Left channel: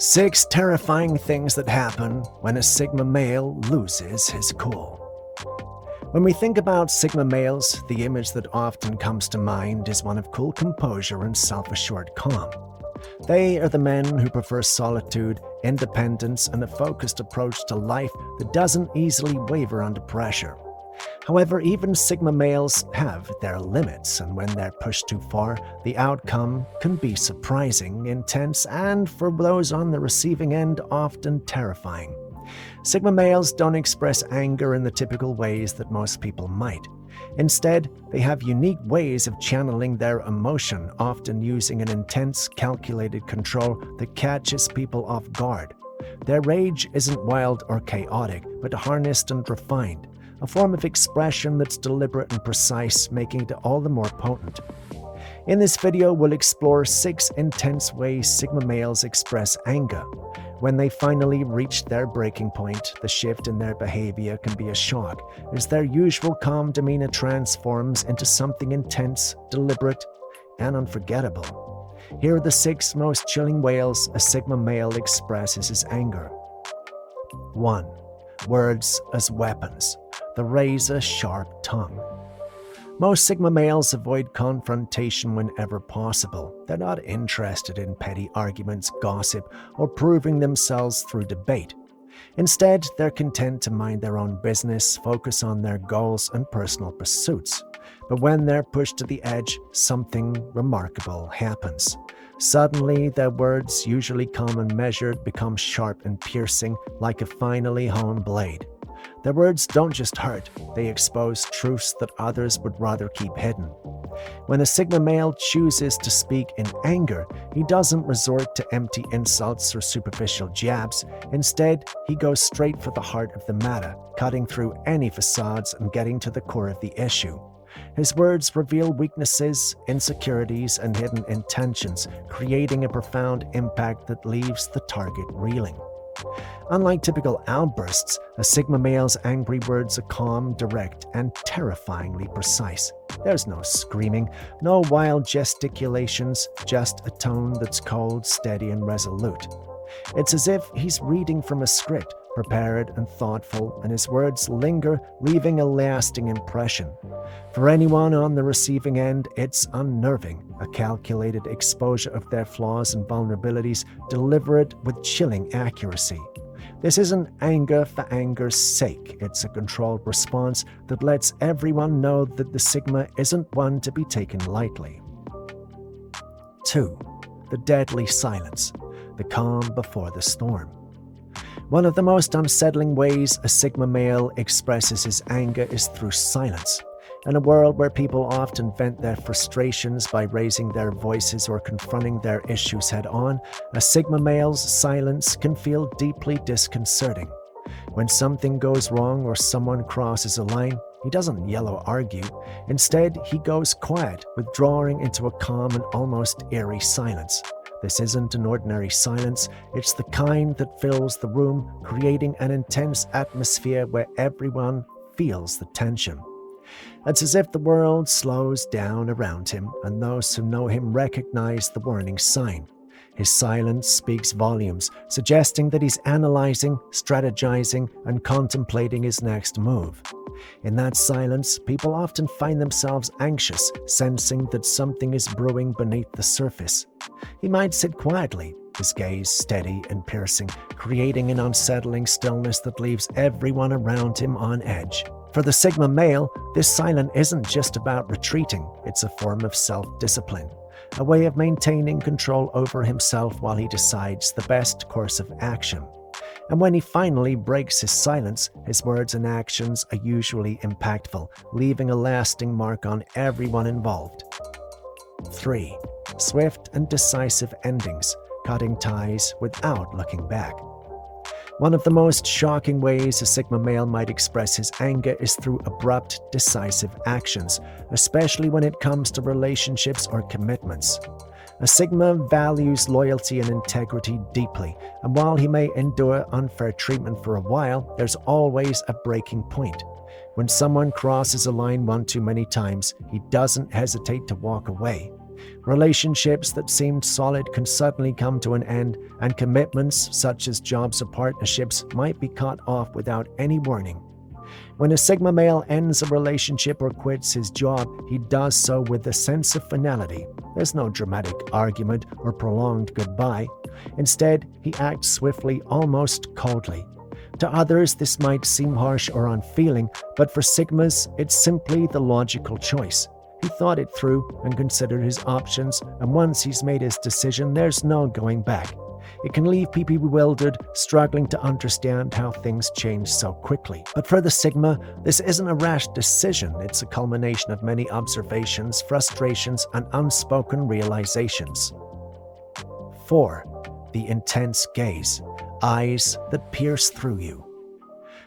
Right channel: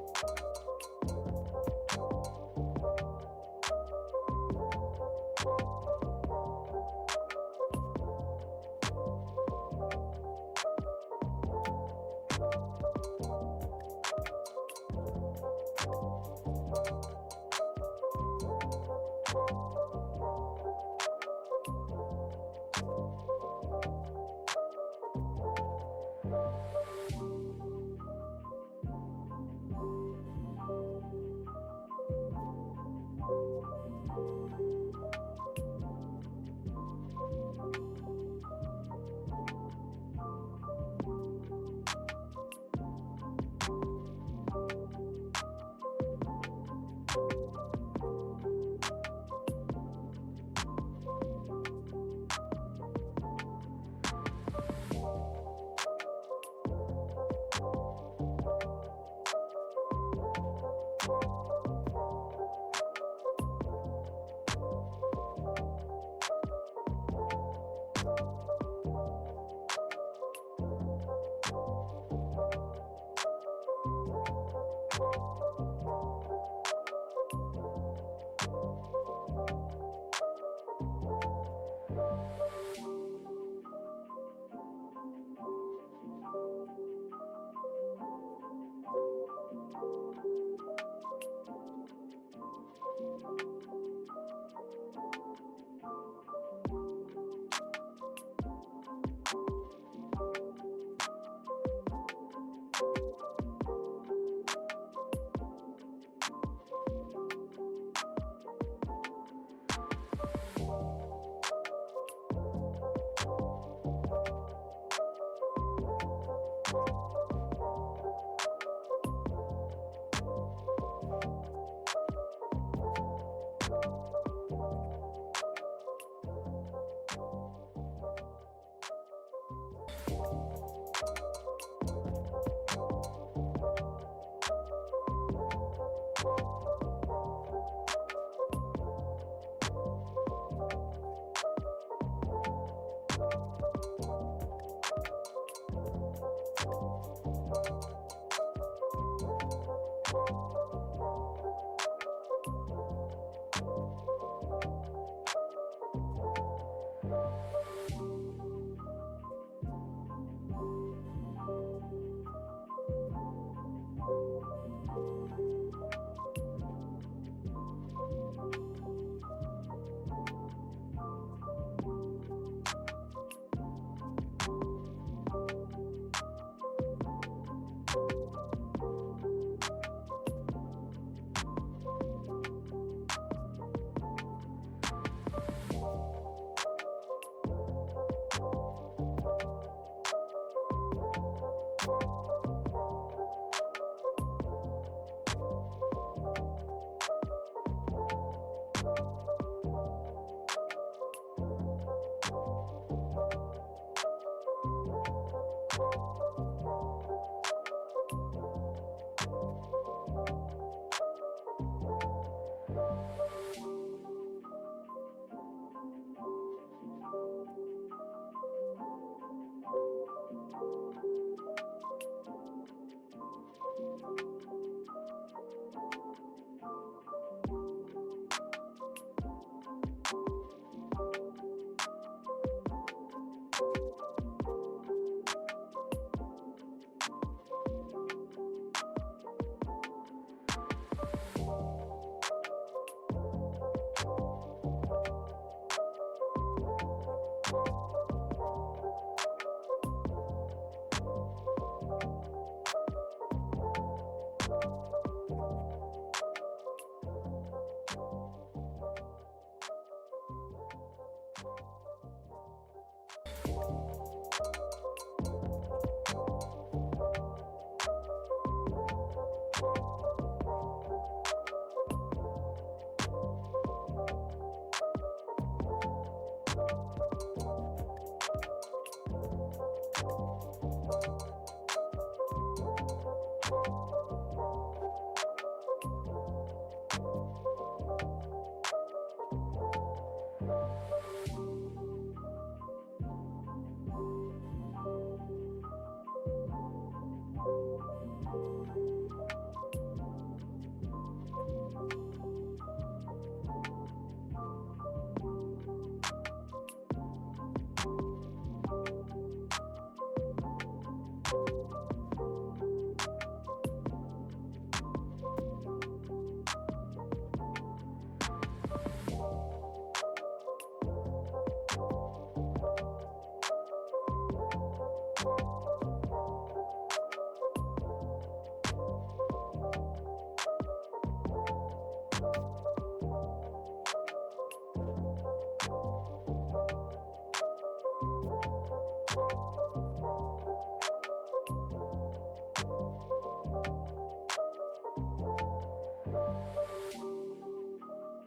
6 terrifying things that happen when a Sigma male loses his cool. When we think about Sigma males, the image that often comes to mind is one of cool composure and self-assured calm. They are the men who prefer solitude, independence, and a focused approach to life that doesn't easily waver under pressure. However, even Sigma males have their limits, and when they're pushed too far, the outcome can be surprising, intense, and for those on the receiving end, often terrifying. Sigma males don't express anger in the typical ways that most people might. Instead, they have unique ways of channeling their emotion, often using an intense, calculated control that catches people off guard. Their rage isn't wild or chaotic, but harnessed and refined, a form of expression that's deliberate and precise, making it all the more potent. In this video, we'll explore 6 intense ways Sigma males express anger. When they finally reach their breaking point, the shift in their behavior can be a shock, as their usual calm demeanor transforms into something intense, deliberate, and unforgettable. Here are the 6 most chilling ways a Sigma male expresses his anger. 1. Words as weapons. The razor-sharp tongue. Most Sigma males avoid confrontation whenever possible. They're not interested in petty arguments, gossip, or proving themselves through debate. Instead, they're content to mind their own business, focus on their goals and personal pursuits. But when they're pushed to the edge, something remarkable happens. Suddenly, their words, usually calm and measured, become sharp and piercing, like a finely honed blade. Their words don't just hurt, they expose truths that others would rather keep hidden. When a Sigma male chooses to speak in anger, he doesn't resort to empty insults or superficial jabs. Instead, he goes straight for the heart of the matter, cutting through any facades and getting to the core of the issue. His words reveal weaknesses, insecurities, and hidden intentions, creating a profound impact that leaves the target reeling. Unlike typical outbursts, a Sigma male's angry words are calm, direct, and terrifyingly precise. There's no screaming, no wild gesticulations, just a tone that's cold, steady, and resolute. It's as if he's reading from a script, prepared and thoughtful, and his words linger, leaving a lasting impression. For anyone on the receiving end, it's unnerving, a calculated exposure of their flaws and vulnerabilities, delivered with chilling accuracy. This isn't anger for anger's sake. It's a controlled response that lets everyone know that the Sigma isn't one to be taken lightly. 2. The deadly silence. The calm before the storm. One of the most unsettling ways a Sigma male expresses his anger is through silence. In a world where people often vent their frustrations by raising their voices or confronting their issues head-on, a Sigma male's silence can feel deeply disconcerting. When something goes wrong or someone crosses a line, he doesn't yell or argue. Instead, he goes quiet, withdrawing into a calm and almost eerie silence. This isn't an ordinary silence, it's the kind that fills the room, creating an intense atmosphere where everyone feels the tension. It's as if the world slows down around him, and those who know him recognize the warning sign. His silence speaks volumes, suggesting that he's analyzing, strategizing, and contemplating his next move. In that silence, people often find themselves anxious, sensing that something is brewing beneath the surface. He might sit quietly, his gaze steady and piercing, creating an unsettling stillness that leaves everyone around him on edge. For the Sigma male, this silence isn't just about retreating, it's a form of self-discipline, a way of maintaining control over himself while he decides the best course of action. And when he finally breaks his silence, his words and actions are usually impactful, leaving a lasting mark on everyone involved. 3. Swift and decisive endings, cutting ties without looking back. One of the most shocking ways a Sigma male might express his anger is through abrupt, decisive actions, especially when it comes to relationships or commitments. A Sigma values loyalty and integrity deeply, and while he may endure unfair treatment for a while, there's always a breaking point. When someone crosses a line one too many times, he doesn't hesitate to walk away. Relationships that seemed solid can suddenly come to an end, and commitments, such as jobs or partnerships, might be cut off without any warning. When a Sigma male ends a relationship or quits his job, he does so with a sense of finality. There's no dramatic argument or prolonged goodbye. Instead, he acts swiftly, almost coldly. To others, this might seem harsh or unfeeling, but for Sigmas, it's simply the logical choice. He thought it through and considered his options, and once he's made his decision, there's no going back. It can leave people bewildered, struggling to understand how things change so quickly. But for the Sigma, this isn't a rash decision. It's a culmination of many observations, frustrations, and unspoken realizations. 4. The intense gaze. Eyes that pierce through you.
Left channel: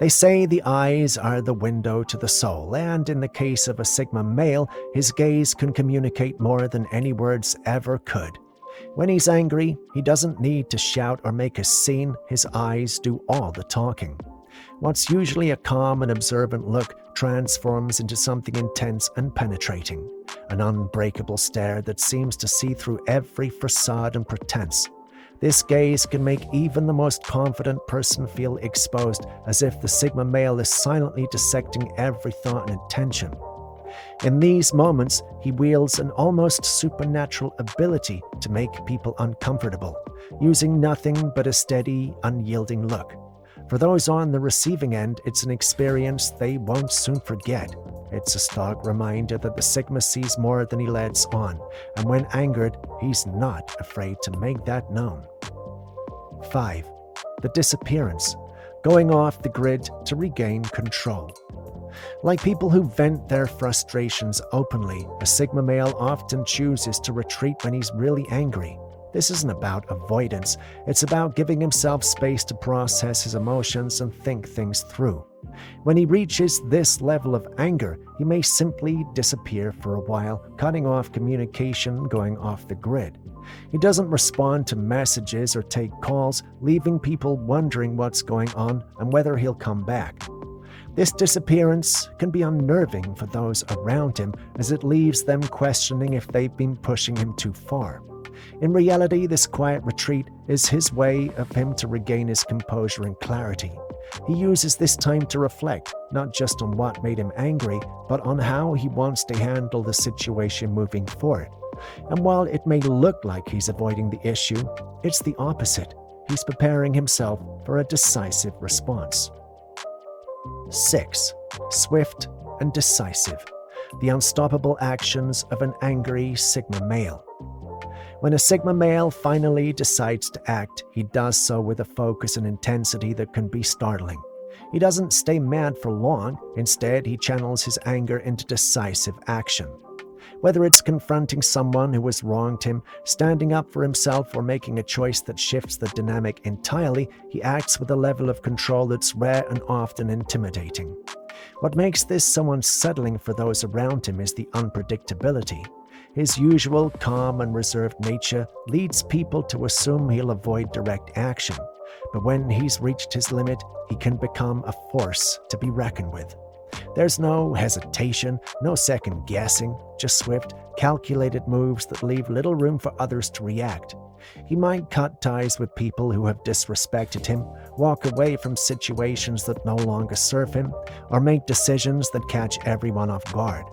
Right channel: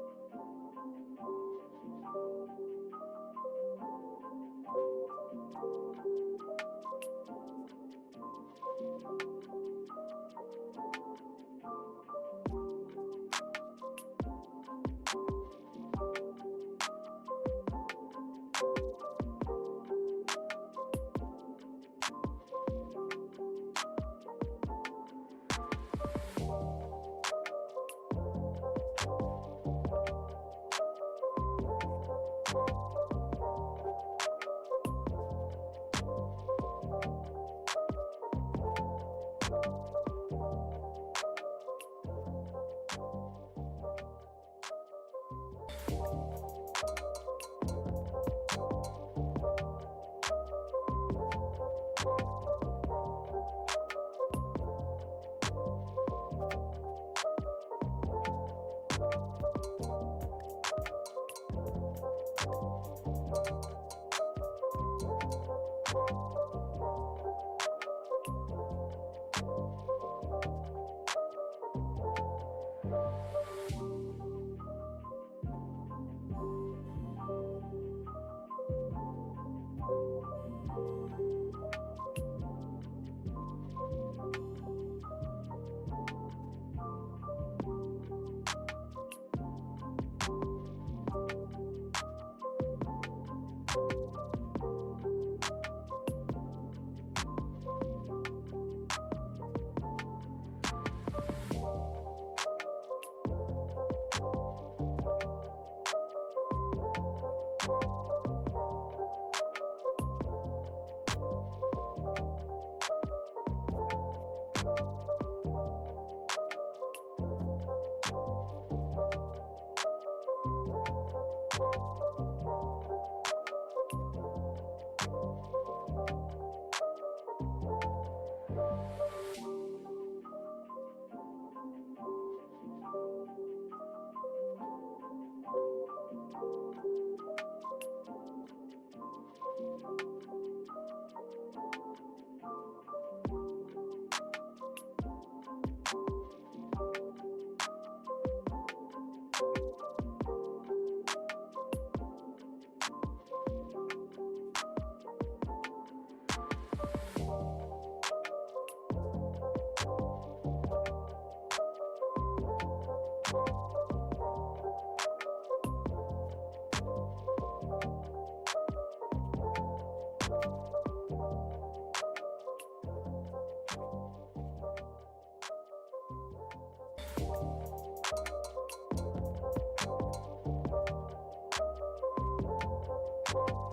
They say the eyes are the window to the soul, and in the case of a Sigma male, his gaze can communicate more than any words ever could. When he's angry, he doesn't need to shout or make a scene. His eyes do all the talking. What's usually a calm and observant look transforms into something intense and penetrating, an unbreakable stare that seems to see through every facade and pretense. This gaze can make even the most confident person feel exposed, as if the Sigma male is silently dissecting every thought and intention. In these moments, he wields an almost supernatural ability to make people uncomfortable, using nothing but a steady, unyielding look. For those on the receiving end, it's an experience they won't soon forget. It's a stark reminder that the Sigma sees more than he lets on, and when angered, he's not afraid to make that known. 5. The disappearance. Going off the grid to regain control. Like people who vent their frustrations openly, a Sigma male often chooses to retreat when he's really angry. This isn't about avoidance, it's about giving himself space to process his emotions and think things through. When he reaches this level of anger, he may simply disappear for a while, cutting off communication, going off the grid. He doesn't respond to messages or take calls, leaving people wondering what's going on and whether he'll come back. This disappearance can be unnerving for those around him, as it leaves them questioning if they've been pushing him too far. In reality, this quiet retreat is his way of him to regain his composure and clarity. He uses this time to reflect, not just on what made him angry, but on how he wants to handle the situation moving forward. And while it may look like he's avoiding the issue, it's the opposite. He's preparing himself for a decisive response. 6. Swift and decisive. The unstoppable actions of an angry Sigma male. When a Sigma male finally decides to act, he does so with a focus and intensity that can be startling. He doesn't stay mad for long. Instead, he channels his anger into decisive action. Whether it's confronting someone who has wronged him, standing up for himself, or making a choice that shifts the dynamic entirely, he acts with a level of control that's rare and often intimidating. What makes this so unsettling for those around him is the unpredictability. His usual calm and reserved nature leads people to assume he'll avoid direct action, but when he's reached his limit, he can become a force to be reckoned with. There's no hesitation, no second guessing, just swift, calculated moves that leave little room for others to react. He might cut ties with people who have disrespected him, walk away from situations that no longer serve him, or make decisions that catch everyone off guard.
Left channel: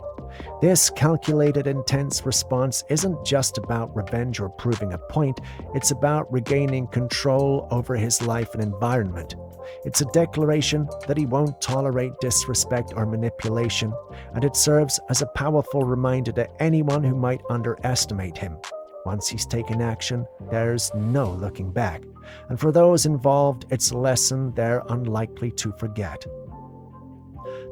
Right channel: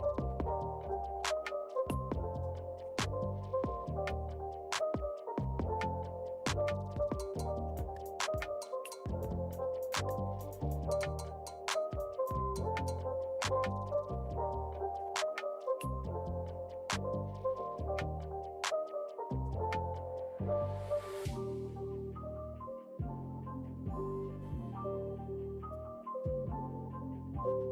This calculated, intense response isn't just about revenge or proving a point, it's about regaining control over his life and environment. It's a declaration that he won't tolerate disrespect or manipulation, and it serves as a powerful reminder to anyone who might underestimate him. Once he's taken action, there's no looking back, and for those involved, it's a lesson they're unlikely to forget.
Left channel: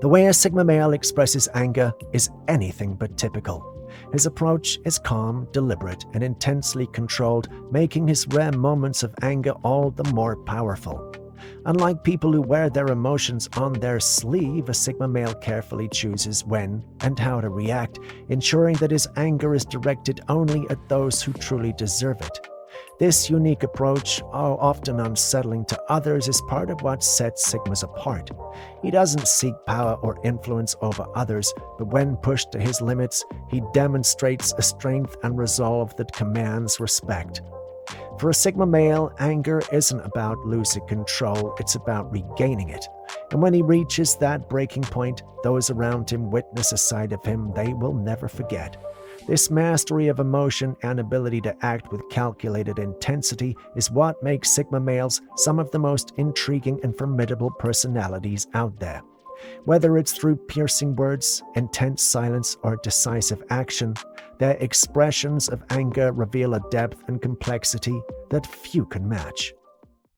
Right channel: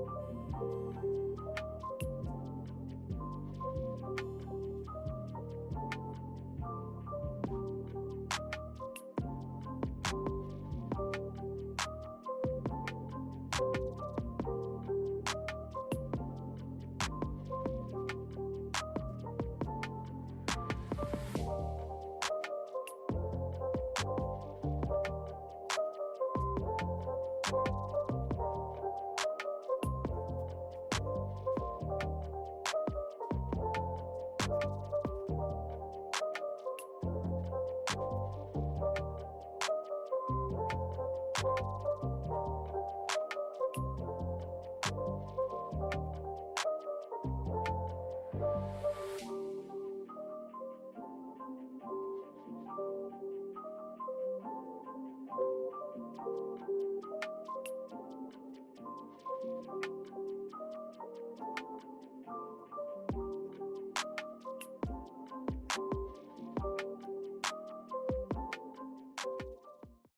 The way a Sigma male expresses anger is anything but typical. His approach is calm, deliberate, and intensely controlled, making his rare moments of anger all the more powerful. Unlike people who wear their emotions on their sleeve, a Sigma male carefully chooses when and how to react, ensuring that his anger is directed only at those who truly deserve it. This unique approach, often unsettling to others, is part of what sets Sigmas apart. He doesn't seek power or influence over others, but when pushed to his limits, he demonstrates a strength and resolve that commands respect. For a Sigma male, anger isn't about losing control, it's about regaining it. And when he reaches that breaking point, those around him witness a side of him they will never forget. This mastery of emotion and ability to act with calculated intensity is what makes Sigma males some of the most intriguing and formidable personalities out there. Whether it's through piercing words, intense silence, or decisive action, their expressions of anger reveal a depth and complexity that few can match.